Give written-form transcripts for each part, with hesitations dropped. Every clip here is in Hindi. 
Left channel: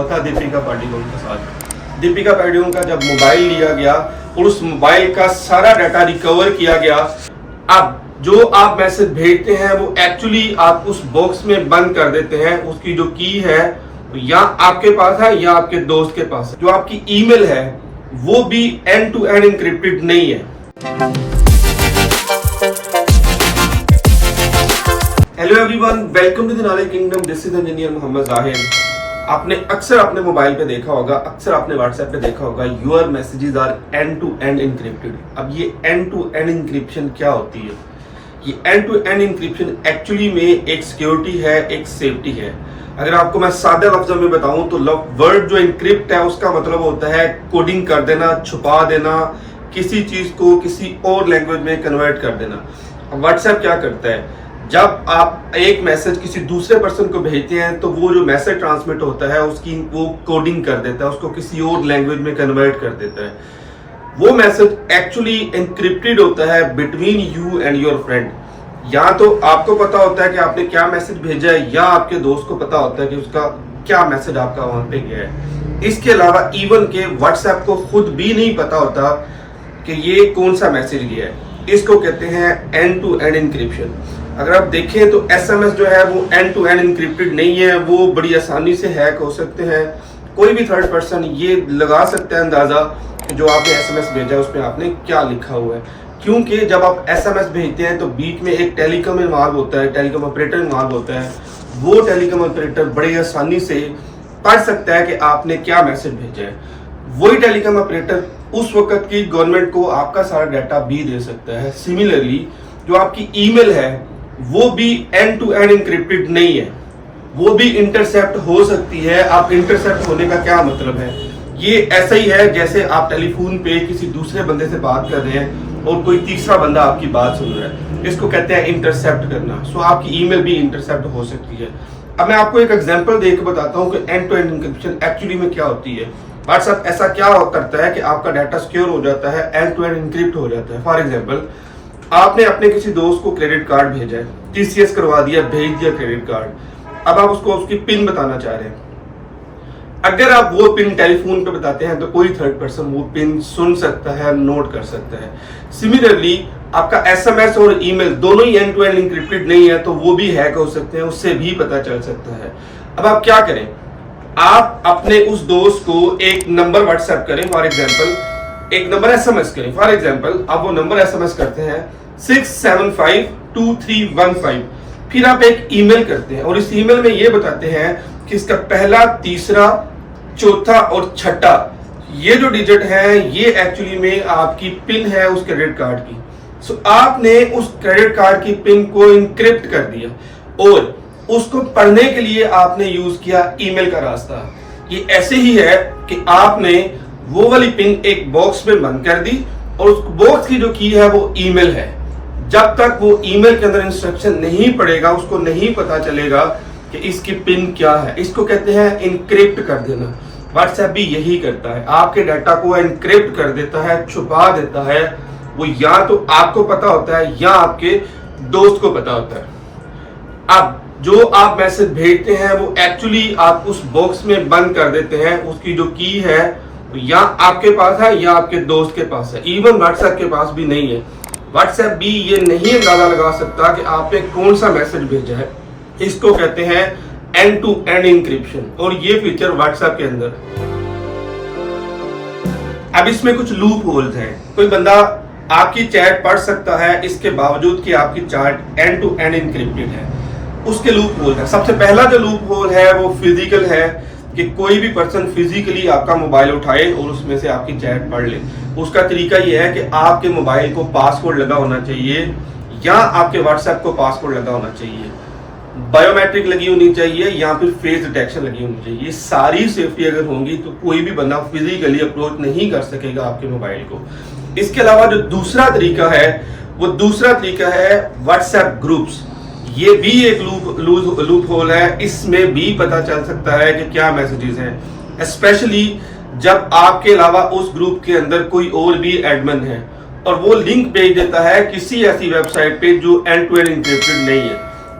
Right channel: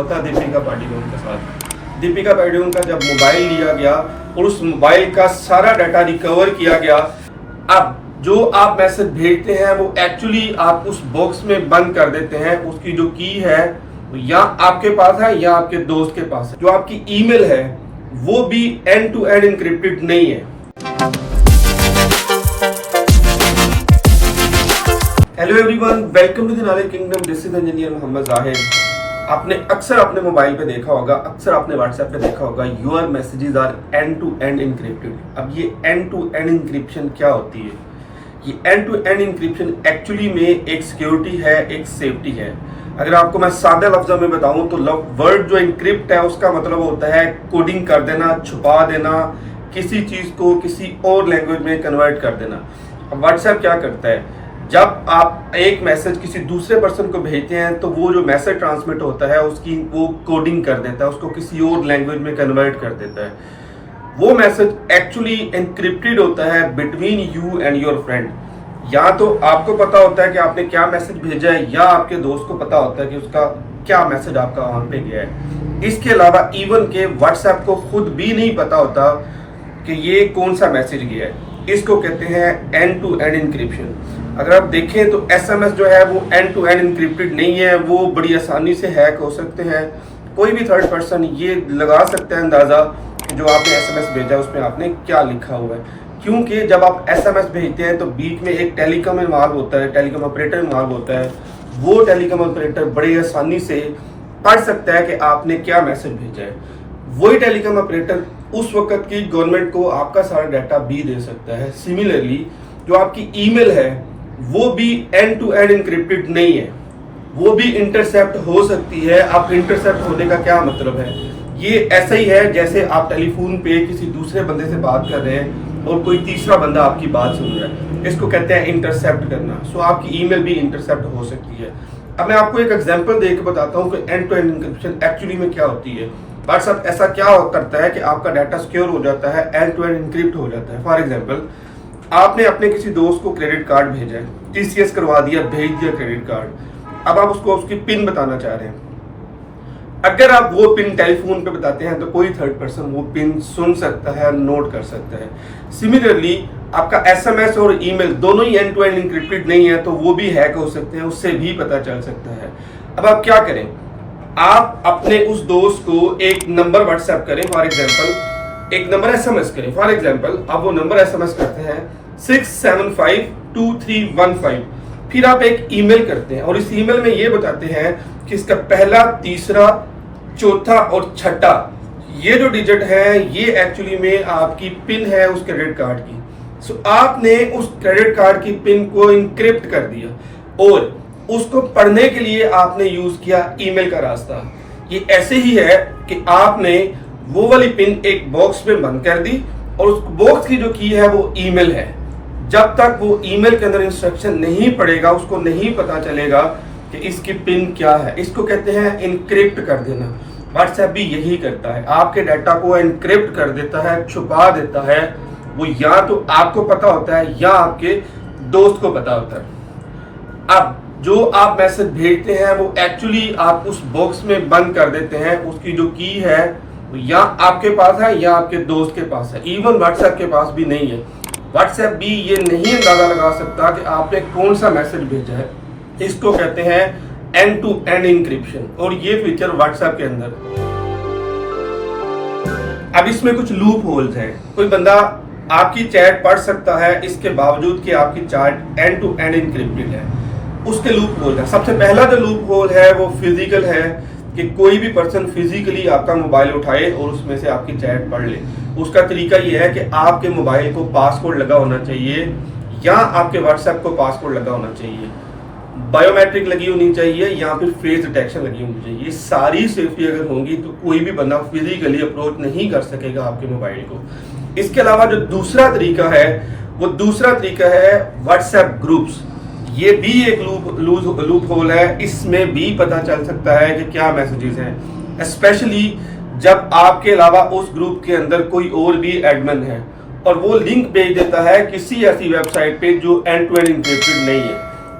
हुआ था दीपिका पादुकोण के साथ। दीपिका पादुकोण का जब मोबाइल लिया गया और उस मोबाइल का सारा डाटा रिकवर किया गया, अब जो आप मैसेज भेजते हैं वो एक्चुअली आप उस बॉक्स में बंद कर देते हैं। उसकी जो की है या आपके पास है या आपके दोस्त के पास है। जो आपकी ईमेल है वो भी एंड टू एंड एन्क्रिप्टेड नहीं है। Hello everyone, welcome to the knowledge kingdom. This is engineer Mohammad Zahir. आपने अक्सर अपने मोबाइल पे देखा होगा, अक्सर आपने व्हाट्सएप पे देखा होगा, your messages are end to end encrypted. अब ये एंड टू एंड एन्क्रिप्शन क्या होती है? ये end to end encryption actually में एक सिक्योरिटी है, एक सेफ्टी है। अगर आपको मैं सादे लफ्जों में बताऊं तो वर्ड जो एन्क्रिप्ट है उसका मतलब होता है कोडिंग कर देना, छुपा देना, किसी चीज को किसी और लैंग्वेज में कन्वर्ट कर देना। व्हाट्सएप क्या करता है, जब आप एक मैसेज किसी दूसरे पर्सन को भेजते हैं तो वो जो मैसेज ट्रांसमिट होता है उसकी वो कोडिंग कर देता है, उसको किसी और लैंग्वेज में कन्वर्ट कर देता है। वो मैसेज एक्चुअली एन्क्रिप्टेड होता है between you and your friend. या तो आपको पता होता है कि आपने क्या मैसेज भेजा है, या आपके दोस्त को पता होता है कि उसका क्या मैसेज आपका वहां पे गया है। इसके अलावा इवन के व्हाट्सएप को खुद भी नहीं पता होता कि ये कौन सा मैसेज गया है। इसको कहते हैं एंड टू एंड एन्क्रिप्शन। अगर आप देखें तो एसएमएस जो है वो एंड टू एंड एन्क्रिप्टेड नहीं है, वो बड़ी आसानी से हैक हो सकते हैं। कोई भी थर्ड पर्सन ये लगा सकता है अंदाजा कि जो आपने एसएमएस भेजा है उसमें आपने क्या लिखा हुआ है, क्योंकि जब आप एसएमएस भेजते हैं तो बीच में एक टेलीकॉम इन्वॉल्व होता है, टेलीकॉम ऑपरेटर इन्वॉल्व होता है। वो टेलीकॉम ऑपरेटर बड़ी आसानी से पढ़ सकता है कि आपने क्या मैसेज भेजा है। वही टेलीकॉम ऑपरेटर उस वक्त की गवर्नमेंट को आपका सारा डाटा भी दे सकता है। सिमिलरली जो आपकी ईमेल है वो भी एंड टू एंड एन्क्रिप्टेड नहीं है, वो भी इंटरसेप्ट हो सकती है। आप इंटरसेप्ट होने का क्या मतलब है? ये ऐसा ही है जैसे आप टेलीफोन पे किसी दूसरे बंदे से बात कर रहे हैं और कोई तीसरा बंदा आपकी बात सुन रहा है। इसको कहते हैं इंटरसेप्ट करना। सो आपकी ईमेल भी इंटरसेप्ट हो सकती है। अब मैं आपको एक एग्जांपल देकर बताता हूँ कि end to end encryption actually में क्या होती है। व्हाट्सएप ऐसा क्या करता है कि आपका डाटा सिक्योर हो जाता है, एंड टू एंड एन्क्रिप्ट हो जाता है। फॉर एग्जाम्पल, आपने अपने किसी दोस्त को क्रेडिट कार्ड भेजा है, टीसीएस करवा दिया, भेज दिया क्रेडिट कार्ड। अब आप उसको उसकी पिन बताना चाह रहे हैं। अगर आप वो पिन टेलीफोन पे बताते हैं तो कोई थर्ड पर्सन वो पिन सुन सकता है, नोट कर सकता है। सिमिलरली आपका एसएमएस और ईमेल दोनों ही एंड टू एंड एन्क्रिप्टेड नहीं है तो वो भी हैक हो सकते हैं, उससे भी पता चल सकता है। अब आप क्या करें, आप अपने उस दोस्त को एक नंबर व्हाट्सएप करें, फॉर एग्जाम्पल एक नंबर एसएमएस करें। फॉर एग्जाम्पल आप वो नंबर एसएमएस करते हैं 6752315, फिर आप एक ईमेल करते हैं और इस ईमेल में ये बताते हैं कि इसका पहला, तीसरा, चौथा और छठा ये जो डिजिट है ये एक्चुअली में आपकी पिन है उस क्रेडिट कार्ड की। सो आपने उस क्रेडिट कार्ड की पिन को इनक्रिप्ट कर दिया और उसको पढ़ने के लिए आपने यूज किया ईमेल का रास्ता। ये ऐसे ही है कि आपने वो वाली पिन एक बॉक्स में बंद कर दी और उस बॉक्स की जो की है वो ईमेल है। जब तक वो ईमेल के अंदर इंस्ट्रक्शन नहीं पड़ेगा उसको नहीं पता चलेगा कि इसकी पिन क्या है। इसको कहते हैं इनक्रिप्ट कर देना। व्हाट्सएप भी यही करता है, आपके डाटा को इनक्रिप्ट कर देता है, छुपा देता है। वो या तो आपको पता होता है या आपके दोस्त को पता होता है। अब जो आप मैसेज भेजते हैं वो एक्चुअली आप उस बॉक्स में बंद कर देते हैं। उसकी जो की है या आपके पास है या आपके दोस्त के पास है। इवन व्हाट्सएप के पास भी नहीं है। व्हाट्सएप भी ये नहीं अंदाजा लगा सकता कि आपने कौन सा मैसेज भेजा है। इसको कहते हैं एंड टू एंड एन्क्रिप्शन और ये फीचर व्हाट्सएप के अंदर। अब इसमें कुछ लूप होल्स हैं। कोई बंदा आपकी चैट पढ़ सकता है इसके बावजूद कि आपकी chat end to end encrypted है। उसके लूप होल है। सबसे पहला जो लूप होल है वो फिजिकल है कि कोई भी पर्सन फिजिकली आपका मोबाइल उठाए और उसमें से आपकी चैट पढ़ ले। उसका तरीका यह है कि आपके मोबाइल को पासवर्ड लगा होना चाहिए या आपके व्हाट्सएप को पासवर्ड लगा होना चाहिए, बायोमेट्रिक लगी होनी चाहिए या फिर फेस डिटेक्शन लगी होनी चाहिए। ये सारी सेफ्टी अगर होंगी तो कोई भी बंदा फिजिकली अप्रोच नहीं कर सकेगा आपके मोबाइल को। इसके अलावा जो दूसरा तरीका है वो दूसरा तरीका है व्हाट्सएप ग्रुप्स। ये भी एक लूप होल है। इसमें भी पता चल सकता है कि क्या मैसेजेस हैं, स्पेशली जब आपके अलावा उस ग्रुप के अंदर कोई और भी एडमिन है और वो लिंक भेज देता है किसी ऐसी वेबसाइट पे जो एंड टू एंड एन्क्रिप्टेड नहीं है।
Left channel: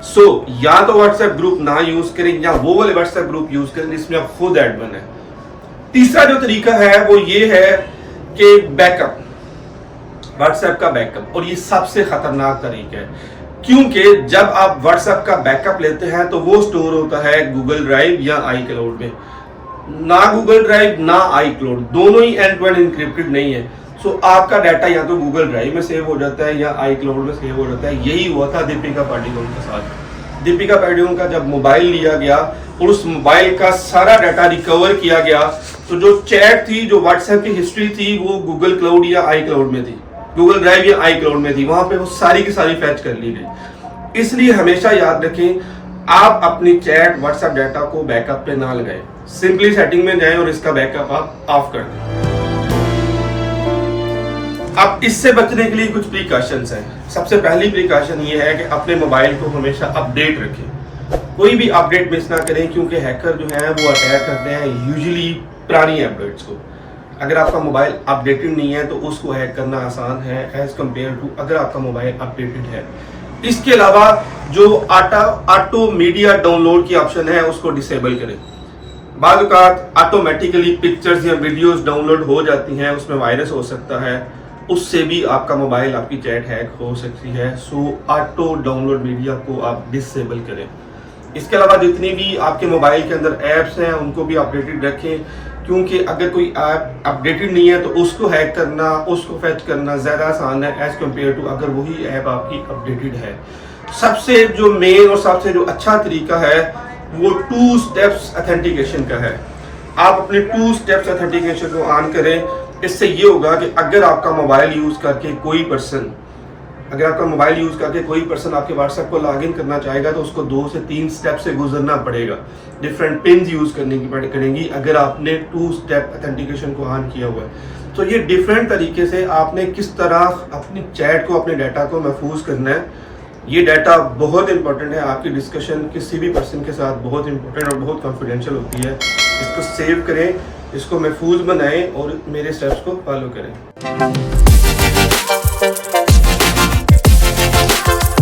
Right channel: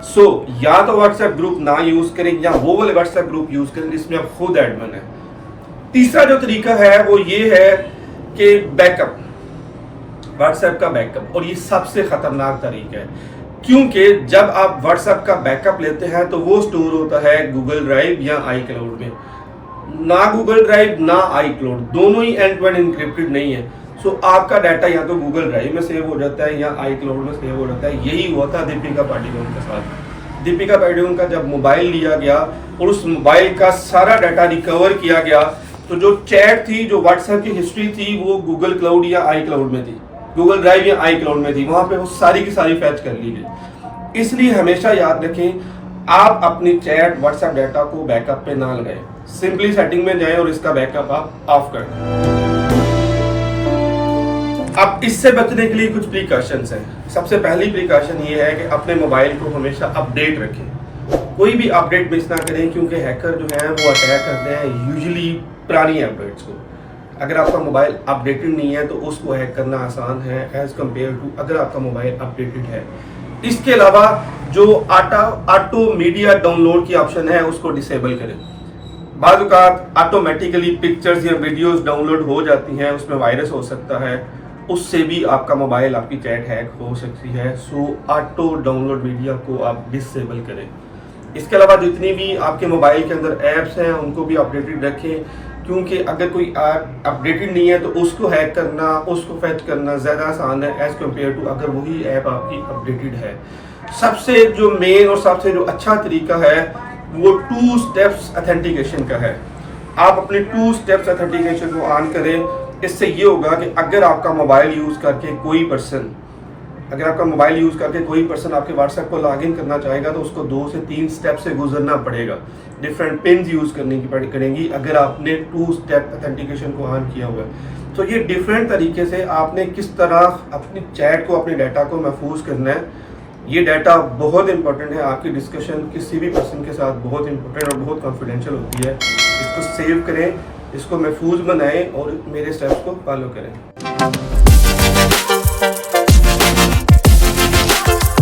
सो या तो व्हाट्सएप ग्रुप ना यूज करें या वो वाले व्हाट्सएप ग्रुप यूज करें जिसमें आप खुद एडमिन है। तीसरा जो तरीका है वो ये है कि बैकअप, व्हाट्सएप का बैकअप, और ये सबसे खतरनाक तरीका है क्योंकि जब आप व्हाट्सएप का बैकअप लेते हैं तो वो स्टोर होता है गूगल ड्राइव या आई क्लाउड में। ना गूगल ड्राइव ना आई क्लाउड, दोनों ही एंड टू एंड इनक्रिप्टेड नहीं है। सो आपका डाटा या तो गूगल ड्राइव में सेव हो जाता है या आई क्लाउड में सेव हो जाता है। यही हुआ था दीपिका पादुकोण के साथ। दीपिका पादुकोण का जब मोबाइल लिया गया और उस मोबाइल का सारा डाटा रिकवर किया गया, तो जो चैट थी, जो व्हाट्सएप की हिस्ट्री थी, वो गूगल क्लाउड या आई क्लाउड में थी, गूगल ड्राइव या आई क्लाउड में थी। वहां पे वो सारी की सारी फैच कर ली गई। इसलिए हमेशा याद रखें, आप अपनी चैट व्हाट्सएप डाटा को बैकअप पे ना लगाएं। सिंपली सेटिंग में जाएं और इसका बैकअप आप ऑफ कर दें। अब इससे बचने के लिए कुछ प्रिकॉशंस हैं। सबसे पहली प्रिकॉशन ये है कि अपने मोबाइल को हमेशा अपडेट रखें। कोई भी अपडेट मिस ना करें क्योंकि हैकर जो है वो अटैक करते हैं यूजुअली पुरानी अपडेट्स को। अगर आपका मोबाइल अपडेटेड नहीं है तो उसको हैक करना आसान है एज कम्पेयर टू अगर आपका मोबाइल अपडेटेड है। इसके अलावा जो ऑटो मीडिया डाउनलोड की ऑप्शन है उसको डिसेबल करें। बाद औक़ात ऑटोमेटिकली पिक्चर्स या वीडियोस डाउनलोड हो जाती हैं, उसमें वायरस हो सकता है, उससे भी आपका मोबाइल, आपकी चैट हैक हो सकती है। सो ऑटो डाउनलोड मीडिया को आप डिसेबल करें। इसके अलावा जितनी भी आपके मोबाइल के अंदर ऐप्स हैं उनको भी अपडेटेड रखें क्योंकि अगर कोई ऐप अपडेटेड नहीं है तो उसको हैक करना, उसको फैच करना ज़्यादा आसान है एज कम्पेयर टू अगर वही ऐप आपकी अपडेटेड है। सबसे जो मेन और सबसे जो अच्छा तरीका है वो 2 स्टेप्स ऑथेंटिकेशन का है। आप अपने 2 स्टेप्स ऑथेंटिकेशन को ऑन करें। इससे ये होगा कि अगर आपका मोबाइल यूज़ करके कोई पर्सन आपके व्हाट्सएप को लॉगिन करना चाहेगा तो उसको 2 से 3 स्टेप से गुजरना पड़ेगा। डिफरेंट पिन यूज़ करने की पड़ेगी अगर आपने 2 स्टेप ऑथेंटिकेशन को ऑन किया हुआ है। तो ये डिफरेंट तरीके से आपने किस तरह अपनी चैट को, अपने डाटा को महफूज करना है। ये डाटा बहुत इंपॉर्टेंट है। आपकी डिस्कशन किसी भी पर्सन के साथ बहुत इंपॉर्टेंट और बहुत कॉन्फिडेंशियल होती है। इसको सेव करें, इसको महफूज बनाएं और मेरे स्टेप्स को फॉलो करें।